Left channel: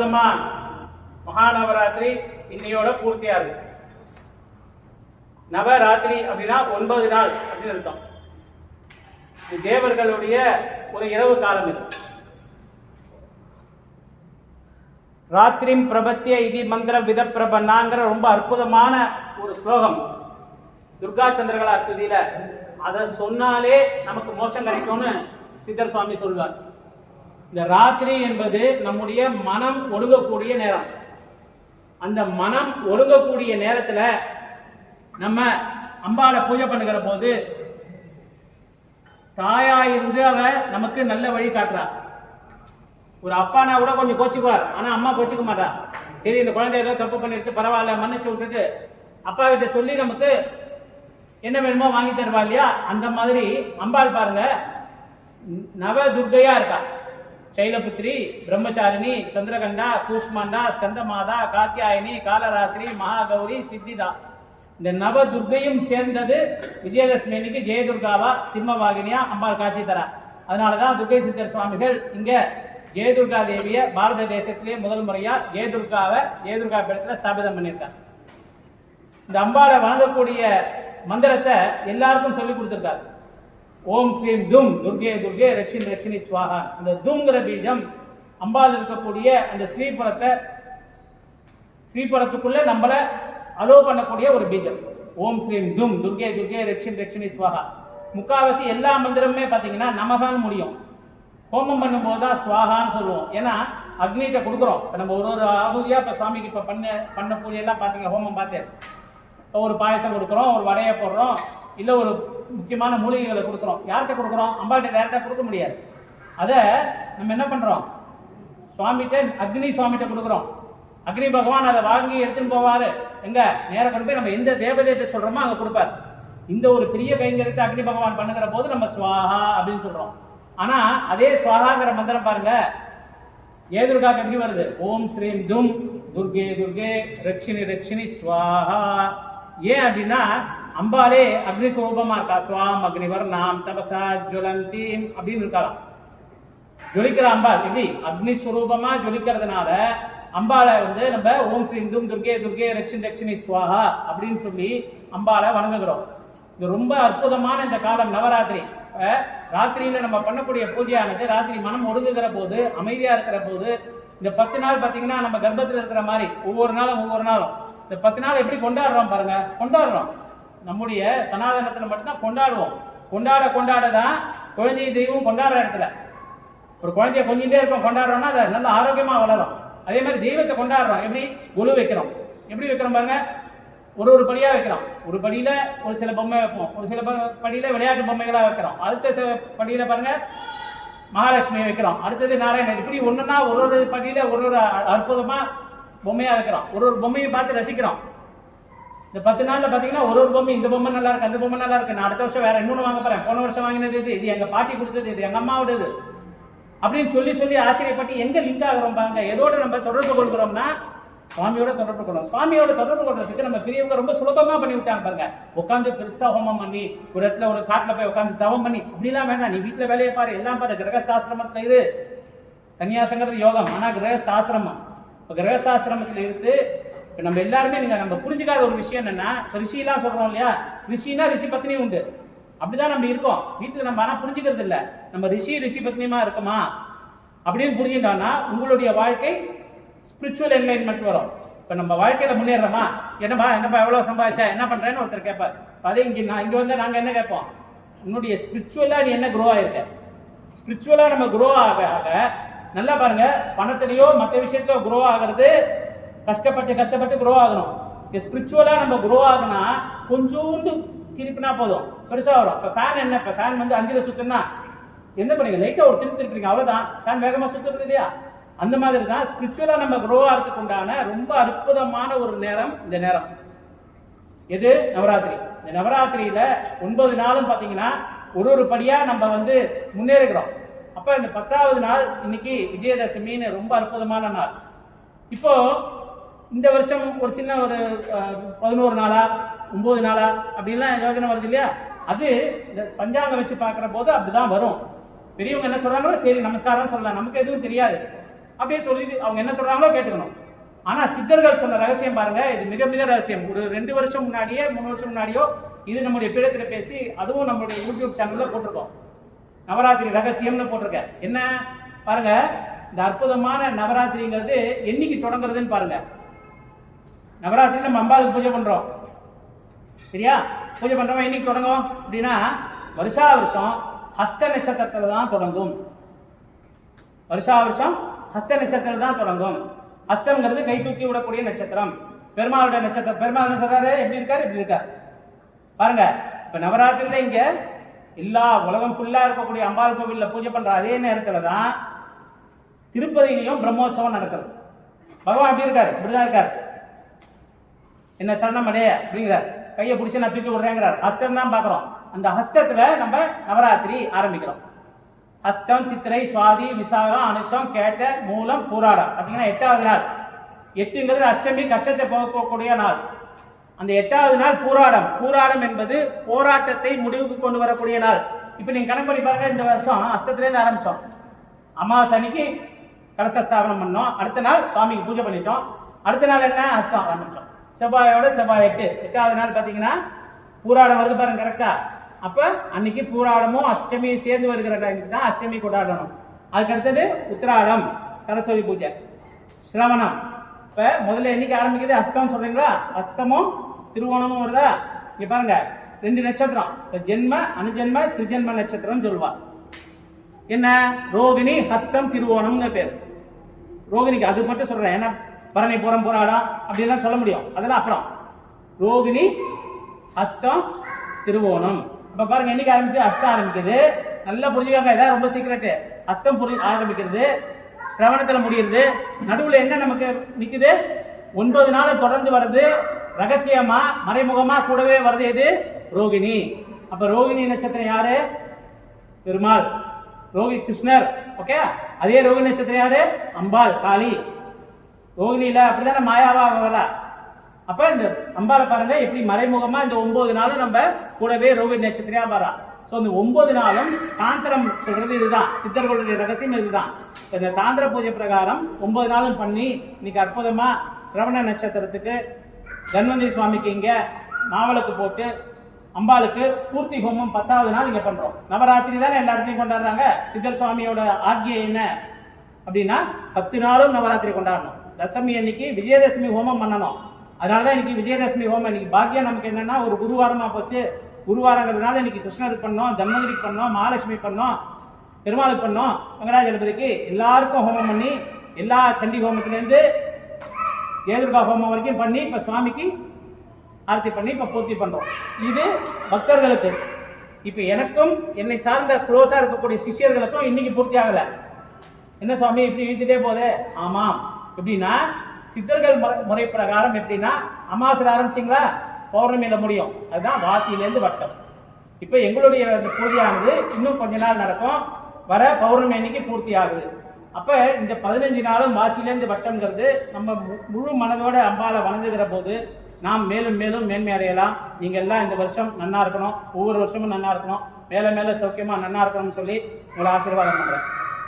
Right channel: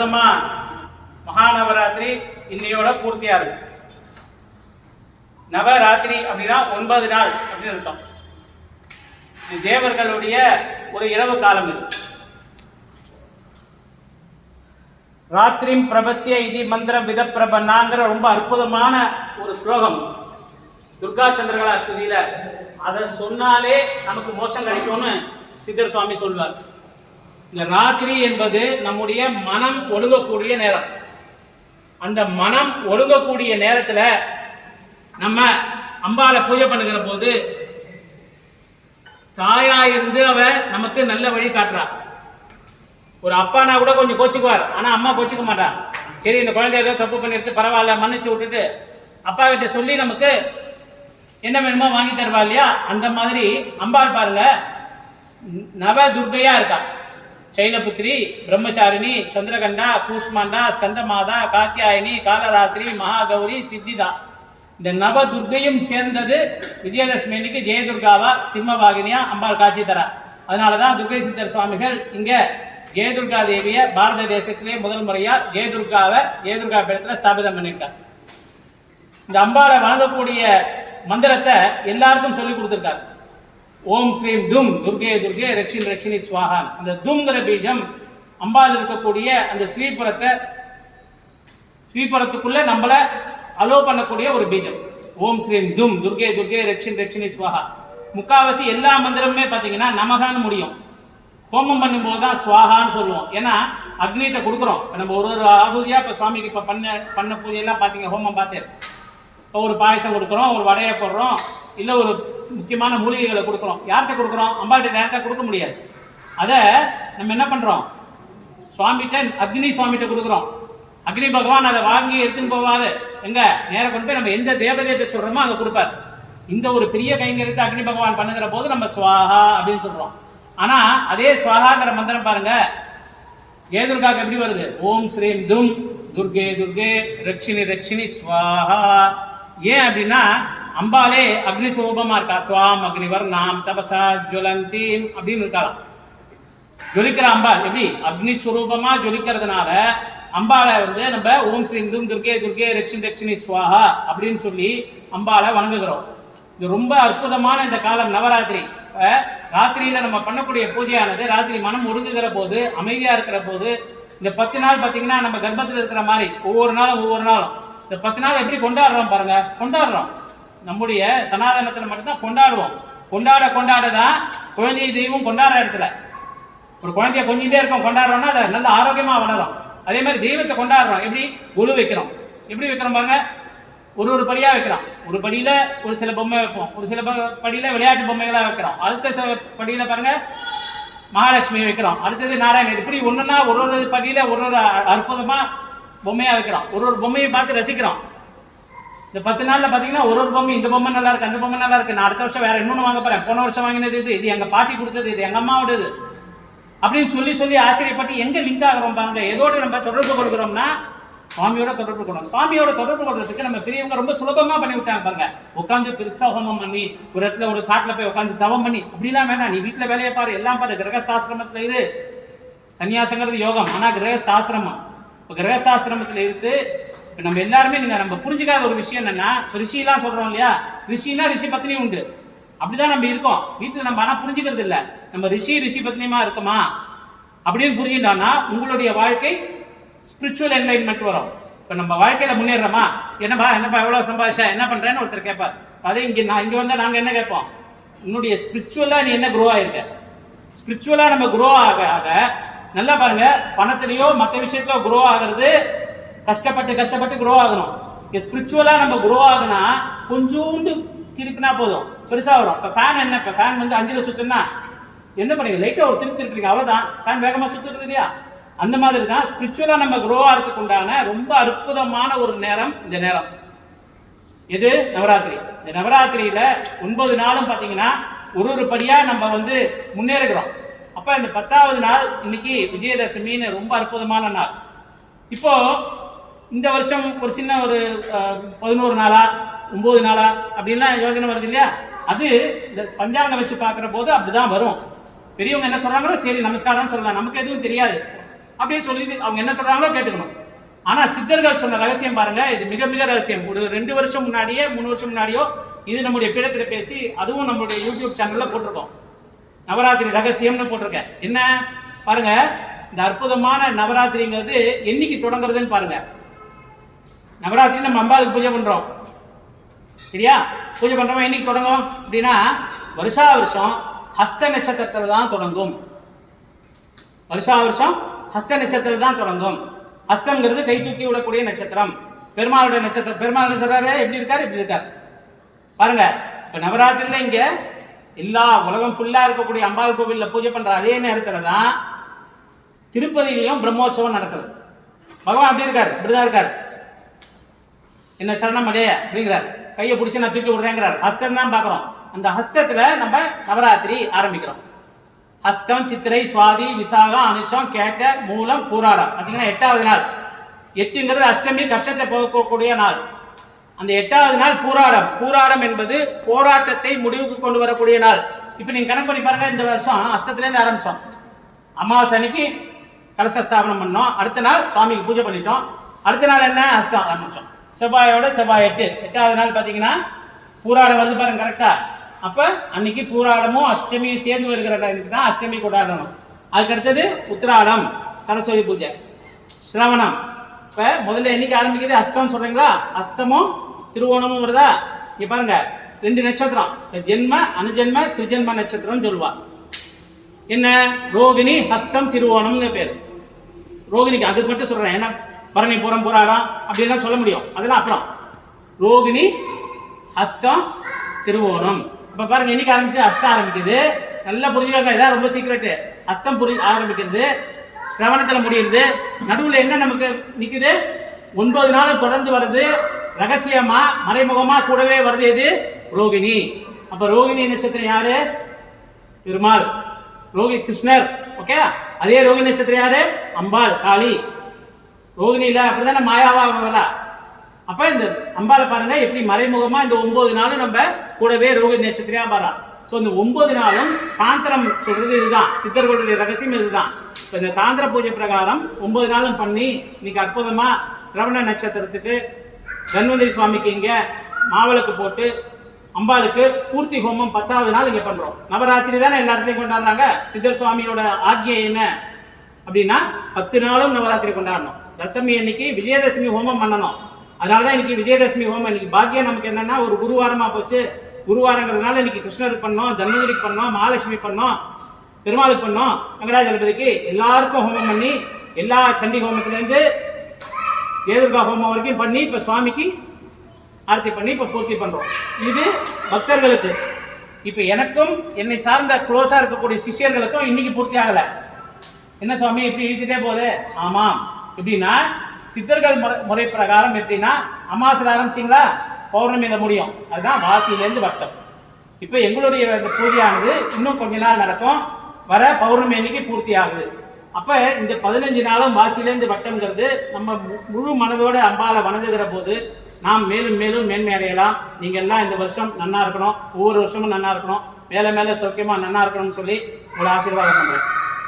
அற்புதமா மகாநவராத்திரி இன்னையோட பூர்த்தியா இருக்கு. நவராத்திரி அப்படின்னா 9 நாள் அப்படின்னு அர்த்தம். இது தேவர்களுடைய ஒரு இரவு காலம். இது ராத்திரிம் பிரபத்திய இதி மந்திர வித பிரபன்னாங்கிற ரொம்ப அற்புதமான ஒரு ஸ்லோகம் துர்கா சந்திரகலா ஸ்துதியில. அதை சொன்னாலே நமக்கு மோட்சம் கிடைக்கும்னு சித்தர் சுவாமி சொல்வார். இந்த ராத்திரி என்பது நம்முடைய மனம் ஒழுங்கக்கூடிய நேரம். அந்த மனம் ஒழுங்கக்கூடிய நேரத்துல நம்ம அம்பாளை பூஜை பண்ணுகிற போது தாயா இருந்து அவ நமக்கு நல்ல வழி காட்டுறா. ஒரு அப்பானா கூட கொஞ்சம் கோச்சுக்குவார், ஆனா அம்மா கோச்சிக்க மாட்டா. சரி, இந்த குழந்தை ஏதோ தப்பு பண்ணிருக்கு, பரவாயில்ல, மன்னிச்சு விட்டுட்டு அப்பா கிட்ட சொல்லி நமக்கு என்ன வேணுமோ வாங்கி தருவா இல்லையா? அந்த மாதிரி அம்பாள் பாருங்க, நவ துர்கையா இருக்கா. சைலபுத்திரி, பிரம்மச்சாரிணி, சந்திரகண்டா, கூஷ்மாண்டா, ஸ்கந்தமாதா, காத்தியாயினி, காலராத்திரி, மகாகௌரி, சித்திதா. இந்த நவ துர்கையும் சேர்ந்தது விஜயதசமி அன்னைக்கு ஜெயதுர்காவா சிம்மவாகினியா அம்பாள் காட்சி தரா. அதனாலதான் துர்கை சித்தர் சுவாமிகள் இங்க ஜெயதுர்கா தேவிய பாரத தேசத்திலே முதல் முறையா ஜெயதுர்கா பீடத்துல ஸ்தாபிதம் பண்ணியிருக்கார். இந்த அம்பாளை வணங்கக்கூடிய மந்திரத்தை எல்லாருக்கும் சொல்லி கொடுத்திருக்காரு. ஓம் ஸ்ரீம் தும் துர்கே துர்கே ரக்ஷின் ரக்ஷினி ஸ்வாஹான். அந்த தும்ங்கிற பீஜம் அம்பாள் இருக்கக்கூடிய அந்த ஸ்ரீபுரத்துக்குள்ள நம்மள அலோ பண்ணக்கூடிய ஒரு பீஜம். ஓம் ஸ்ரீம் தும் துர்கே துர்கே ரக்ஷின் ரக்ஷினி ஸ்வாஹா. முக்காவாசி எல்லா மந்திரமுமே பாத்தீங்கன்னா நமகான்னு முடியும். ஹோமம் பண்ணும்போது தான் ஸ்வாஹான்னு சொல்லுவோம். ஏன்னா அக்னிகிட்ட கொடுக்குறோம். இப்போ நம்ம ஒரு ஆகுதியா இப்போ சுவாமிக்கு இப்போ பண்ண பூஜையெல்லாம் பார்த்தீங்க, ஹோமம் பார்த்தேன். இப்போ ஒரு பாயசம் கொடுக்குறோம், ஒரு வடையை போடுறோம், இல்லை ஒரு முக்கியமான மூலிகைகளை கொடுக்குறோம். யார்கிட்ட கொடுக்குறோம்? அம்பாள்கிட்ட டேரக்டாக கொடுக்க முடியாது. அதை நம்ம என்ன பண்ணுறோம்? அக்னி சுவாமிகிட்ட கொடுக்குறோம். அக்னி பகவான் அதை வாங்கி எடுத்துன்னு போவாரு. எங்க நேரம் கொண்டு போய் நம்ம எந்த தேவதையிட்ட சொல்றோமோ அங்கே கொடுப்பார். இந்த ஒரு பெரிய கைங்கரியத்தை அக்னி பகவான் பண்ணுகிற போது நம்ம ஸ்வாஹா அப்படின்னு சொல்றோம். ஆனா அதே ஸ்வாஹாங்கிற மந்திரம் பாருங்க, ஜெயதுர்காக்கு எப்படி வருது? ஓம் ஸ்ரீம் தும் துர்கே துர்கே ரக்ஷினி ரக்ஷினி ஸ்வாஹா. ஏன் அப்படின்னா அம்பாலே அக்னி ஸ்வரூபமா இருக்கா. துவாம் அக்னிவர் நாம் தபசா ஜுவலந்தீம் அப்படின்னு இருக்கலாம். ஜொலிக்கிற அம்பாள் எப்படி அக்னி ஸ்வரூபமா ஜொலிக்கிறதுனால அம்பாளை நம்ம ஓம் ஸ்ரீம் தும் துர்கே துர்கே ரக்ஷின் ரக்ஷினி ஸ்வாஹா அப்படின்னு சொல்லி அம்பாளை வணங்குகிறோம். இது ரொம்ப அற்புதமான இந்த காலம் நவராத்திரி. ராத்திரியில நம்ம பண்ணக்கூடிய பூஜையானது ராத்திரி மனம் ஒடுங்குகிற போது, அமைதியா இருக்கிற போது, இந்த 10 நாள் பாத்தீங்கன்னா நம்ம கர்ப்பத்தில் இருக்கிற மாதிரி ஒவ்வொரு நாளும் இந்த 10 நாள் எப்படி கொண்டாடுறோம் பாருங்க. கொண்டாடுறோம். நம்முடைய சனாதனத்துல மட்டும்தான் கொண்டாடுவோம். கொண்டாடதான் குழந்தை தெய்வம் கொண்டாடுற இடத்துல ஒரு குழந்தைய கொஞ்சிட்டே இருக்கும். கொண்டாடுறோம்னா அதை நல்ல ஆரோக்கியமா வளரும். அதே மாதிரி தெய்வத்தை கொண்டாடுறோம். எப்படி கொலு வைக்கிறோம், எப்படி வைக்கிறோம் பாருங்க. ஒரு படியா வைக்கிறோம். ஒரு படியில ஒரு சில பொம்மை வைப்போம், ஒரு சில படியில விளையாட்டு பொம்மைகளா வைக்கிறோம். அடுத்த படியில பாருங்க மகாலட்சுமியை வைக்கிறோம், அடுத்தது நாராயணன். இப்படி ஒண்ணுன்னா ஒரு படியில ஒரு அற்புதமா பொம்மையா வைக்கிறோம். ஒரு பொம்மையை பார்த்து ரசிக்கிறோம். இந்த 10 நாள்ல பாத்தீங்கன்னா ஒரு பொம்மை, இந்த பொம்மை நல்லா இருக்கு, அந்த பொம்மை நல்லா இருக்கு, நான் அடுத்த வருஷம் வேற இன்னொன்னு வாங்க போறேன், போன வருஷம் வாங்கினது இது எங்க பாட்டி கொடுத்தது, இது எங்க அம்மாவோடது அப்படின்னு சொல்லி ஆச்சரியப்பட்டு எங்க லிங்க் ஆகிறோம் பாருங்க. எதோட நம்ம தொடர்பு கொள்கிறோம்னா சுவாமியோட தொடர்பு கொள்றோம். சுவாமியோட தொடர்பு கொள்றதுக்கு நம்ம பெரியவங்க ரொம்ப சுலபமா பண்ணி விட்டாங்க பாருங்க. உட்காந்து பெருசா ஹோமம் பண்ணி ஒரு இடத்துல ஒரு காட்டுல போய் உட்காந்து தவம் பண்ணி அப்படிலாம் வேண்டாம். நீ வீட்டுல வேலையை பாரு, எல்லாம் பாரு. கிரகஸ்தாசிரமத்துல இது சன்னியாசங்கிறது யோகம், ஆனா கிரகஸ்தாசிரமம். இப்ப கிரகஸ்தாசிரமத்துல இருந்து இப்ப நம்ம எல்லாருமே நம்ம புரிஞ்சுக்காத ஒரு விஷயம் என்னன்னா, ரிஷிலாம் சொல்றோம் இல்லையா, ரிஷினா ரிஷி பத்னி உண்டு, அப்படிதான் நம்ம இருக்கோம் வீட்டுல. நம்ம ஆனா புரிஞ்சுக்கிறது இல்லை. நம்ம ரிஷி பத்னியமா இருக்கோமா அப்படின்னு புரிஞ்சுட்டான்னா உங்களுடைய வாழ்க்கை ஸ்பிரிச்சுவல் என்லைன்மெண்ட் வரும். இப்ப நம்ம வாழ்க்கையில முன்னேறமா, என்னப்பா எவ்வளவு சம்பாதிச்சா, என்ன பண்றேன்னு ஒருத்தர் கேட்பார். அதே இங்க வந்தா நாங்க என்ன கேட்போம்? உன்னுடைய ஸ்பிரிச்சுவலா நீ என்ன குரோ ஆயிருக்க. ஸ்பிரிச்சுவலா நம்ம குரோ ஆக நல்லா பாருங்க. பணத்திலேயோ மற்ற விஷயத்திலோ குரோ ஆகிறது கஷ்டப்பட்டு குரோ ஆகணும். ஸ்பிரிச்சுவலா நம்ம குரோ ஆகுனா கொஞ்சோண்டு திருப்பினா போதும், பெருசா வரும். இப்ப ஃபேன் என்ன, இப்ப ஃபேன் 5ல சுத்துனா என்ன பண்ணீங்க, லைட்டா ஒரு திருப்பீங்க, அவ்வளவுதான். ஃபேன் வேகமா சுத்துறது இல்லையா? அந்த மாதிரி தான் ஸ்பிரிச்சுவலா நம்ம குரோ ஆகிறதுக்கு உண்டான ரொம்ப அற்புதமான ஒரு நேரம் இந்த நேரம். எது? நவராத்திரி. இந்த நவராத்திரியில 9 நாளும் பாத்தீங்கன்னா ஒரு படியா நம்ம முன்னேறுகிறோம். அப்ப இந்த 10வது நாள் இன்னைக்கு விஜயதசமின்னு ரொம்ப அற்புதமான நாள். இப்போ இந்த வருஷம் ஒரு சின்ன ஒரு 11 நாளா 9 நாளா அப்படின்லாம் யோசனை வருது இல்லையா? அது இந்த பஞ்சாங்கம் வச்சு பார்க்குற போது அப்படிதான் வரும். பெரியவங்க என்ன சொல்றாங்களோ சரி நமஸ்காரம் சொல்லலாம், நமக்கு எதுவும் தெரியாது. அப்படியே சொல்லிட்டு அவங்க என்ன சொல்றாங்களோ கேட்டுக்கணும். ஆனா சித்தர்கள் சொன்ன ரகசியம் பாருங்க, இது மிக மிக ரகசியம். ஒரு 2 வருஷம் முன்னாடியே 3 வருஷம் முன்னாடியோ இது நம்முடைய பீடத்துல பேசி அதுவும் நம்மளுடைய யூடியூப் சேனல்ல போட்டிருக்கோம். நவராத்திரி ரகசியம்னு போட்டிருக்கேன். என்ன பாருங்க, இந்த அற்புதமான நவராத்திரிங்கிறது என்னைக்கு தொடங்குறதுன்னு பாருங்க. நவராத்திரி நம்ம அம்பாளுக்கு பூஜை பண்றோம் சரியா? பூஜை பண்றோம் என்னைக்கு தொடங்கும் அப்படின்னா வருஷா வருஷம் ஹஸ்த நட்சத்திரத்துல தான் தொடங்கும். வருஷா வருஷம் ஹஸ்த நட்சத்திரத்துல தான் தொடங்கும். ஹஸ்தம்ங்கிறது கை தூக்கி விடக்கூடிய நட்சத்திரம், பெருமாளுடைய நட்சத்திரம். பெருமாள் சொல்றாரு எப்படி இருக்காரு, இப்படி இருக்காரு பாருங்க. இப்ப நவராத்திரியில இங்க எல்லா உலகம் ஃபுல்லா இருக்கக்கூடிய அம்பாள் கோவில்ல பூஜை பண்ற அதே நேரத்துல தான் திருப்பதியிலையும் பிரம்மோற்சவம் நடக்குது. பகவான் எப்படி இருக்காரு, இப்படிதான் இருக்காரு. என்ன சரணம் அடே அப்படிங்கிறார், கையை பிடிச்சி நான் தூக்கி விடுறேங்கிறார். ஹஸ்தம் தான் பாக்குறோம். அந்த ஹஸ்தத்துல நம்ம நவராத்திரி ஆரம்பிக்கிறோம். ஹஸ்தம், சித்திரை, சுவாதி, விசாகம், அனுஷம், கேட்ட, மூலம், பூராடம். பார்த்தீங்கன்னா 8வது நாள். 8ங்கிறது அஷ்டமி, கஷ்டத்தை போக்கக்கூடிய நாள். அந்த 8வது நாள் பூராடம். பூராடம் என்பது போராட்டத்தை முடிவுக்கு கொண்டு வரக்கூடிய நாள். இப்போ நீங்க கணக்கு பண்ணி பாருங்க, இந்த வருஷம் அஸ்தத்திலேருந்து ஆரம்பிச்சோம். அமாவாசை அன்னைக்கு கலச ஸ்தாபனம் பண்ணோம். அடுத்த நாள் சுவாமிக்கு பூஜை பண்ணிட்டோம். அடுத்த நாள் என்ன, அஸ்தம் ஆரம்பிச்சோம். செவ்வாயோட செவ்வாய் 8வது நாள் பார்த்தீங்கன்னா பூராடம் வருது பாருங்க கரெக்டா. அப்ப அன்னைக்கு பூராடமும் அஷ்டமியும் சேர்ந்து வருகிற தான் அஷ்டமி கொண்டாடணும். அதுக்கு அடுத்தது உத்திராடம், சரஸ்வதி பூஜை, சிரவணம். இப்ப முதல்ல என்னைக்கு ஆரம்பிக்குது, அஸ்தம் சொல்றீங்களா? அஸ்தமும் திருவோணமும் வருதா? இங்க பாருங்க 2 நட்சத்திரம், ஜென்ம அனுஜென்ம திரிஜென்ம நட்சத்திரம் சொல்லுவா. என்ன ரோகிணி, ஹஸ்தம், திருவோணம்னு பேரு. ரோகிணிக்கு அதுக்கு மட்டும் சொல்றேன், ஏன்னா பரணி, பூரம், பூராடம் அப்படின்லாம் சொல்ல முடியும், அதெல்லாம் அப்புறம். ரோகிணி, ஹஸ்தம், திருவோணம். இப்ப பாருங்க என்னைக்கு ஆரம்பிச்சு, அஸ்தம் ஆரம்பிக்குது. நல்லா புரிஞ்சுக்காங்க, இதான் ரொம்ப சீக்கிரட். அஸ்தம் ஆரம்பிக்கிறது, சிரவணத்துல முடியுது. நடுவுல என்ன நமக்கு நிக்குது, 9 நாள் தொடர்ந்து வருது. ரகசியமா மறைமுகமா கூடவே வருது எது, ரோகிணி. அப்ப ரோகிணி நட்சத்திரம் யாரு, பெருமாள். ரோகிணி கிருஷ்ணர். ஓகே, அதே ரோகிணி நட்சத்திரம் யாரு, அம்பாள் காளி. ரோகிணியில அப்படிதானே மாயாவா வரா. அப்ப இந்த அம்பாளை பாருங்க எப்படி மறைமுகமா இந்த 9 நாளும் நம்ம கூடவே ரோகிணி நட்சத்திரியா வரா. ஸோ இந்த 9 நாளும் தாந்திரம் சொல்றது இதுதான், சித்தர்களுடைய ரகசியம் இதுதான். இப்போ இந்த தாந்திர பூஜை பிரகாரம் 9 நாளும் பண்ணி இன்னைக்கு அற்புதமா சிரவண நட்சத்திரத்துக்கு தன்வந்திரி சுவாமிக்கு இங்க மாவிளக்கு போட்டு அம்பாளுக்கு பூர்த்தி ஹோமம் 10வது நாள் இங்க பண்றோம். நவராத்திரி தானே எல்லா இடத்தையும் கொண்டாடுறாங்க. சித்தர் சுவாமியோட ஆக்கியை என்ன அப்படின்னா 10 நாளும் நவராத்திரி கொண்டாடணும். தசமி அன்னைக்கு விஜயதசமி ஹோமம் பண்ணணும். அதனாலதான் இன்னைக்கு விஜயதசமி ஹோமம். இன்னைக்கு பாக்கியம் நமக்கு என்னன்னா ஒரு குருவாரமா போச்சு. குருவாரங்கிறதுனால இன்னைக்கு கிருஷ்ணருக்கு பண்ணோம், தன்வந்திரிக்கு பண்ணோம், மகாலட்சுமி பண்ணோம், பெருமாளுக்கு பண்ணோம், வெங்கடாஜலபதிக்கு எல்லாருக்கும் ஹோமம் பண்ணி எல்லா சண்டி ஹோமத்திலேருந்து தேதுர்கா ஹோமம் வரைக்கும் பண்ணி இப்ப சுவாமிக்கு ஆர்த்தி பண்ணி இப்ப பூர்த்தி பண்றோம். இது பக்தர்களுக்கு. இப்ப எனக்கும் என்னை சார்ந்த க்ளோஸா இருக்கக்கூடிய சிஷியர்களுக்கும் இன்னைக்கு பூர்த்தி ஆகல. என்ன சுவாமி இப்படி இழுத்துட்டே போதே? ஆமாம். எப்படின்னா சித்தர்கள் முறை பிரகாரம் எப்படின்னா அமாவாசை ஆரம்பிச்சிங்களா, பௌர்ணமியில முடியும். அதுதான் வாசியிலேருந்து வட்டம். இப்ப எங்களுடைய பூஜையானது இன்னும் கொஞ்ச நாள் நடக்கும். வர பௌர்ணமி அன்னைக்கு பூர்த்தி ஆகுது. அப்ப இந்த 15 நாளும் வாசியிலேருந்து வட்டம்ங்கிறது நம்ம முழு மனதோட அம்பாலை வணங்குகிற போது நாம் மேலும் மேலும் மேன்மை அடையலாம். நீங்க எல்லாம் இந்த வருஷம் நன்னா இருக்கணும், ஒவ்வொரு வருஷமும் நன்னா இருக்கணும், மேல மேல சௌக்கியமா நன்னா இருக்கணும்னு சொல்லி உங்களை ஆசீர்வாதம் பண்றேன்.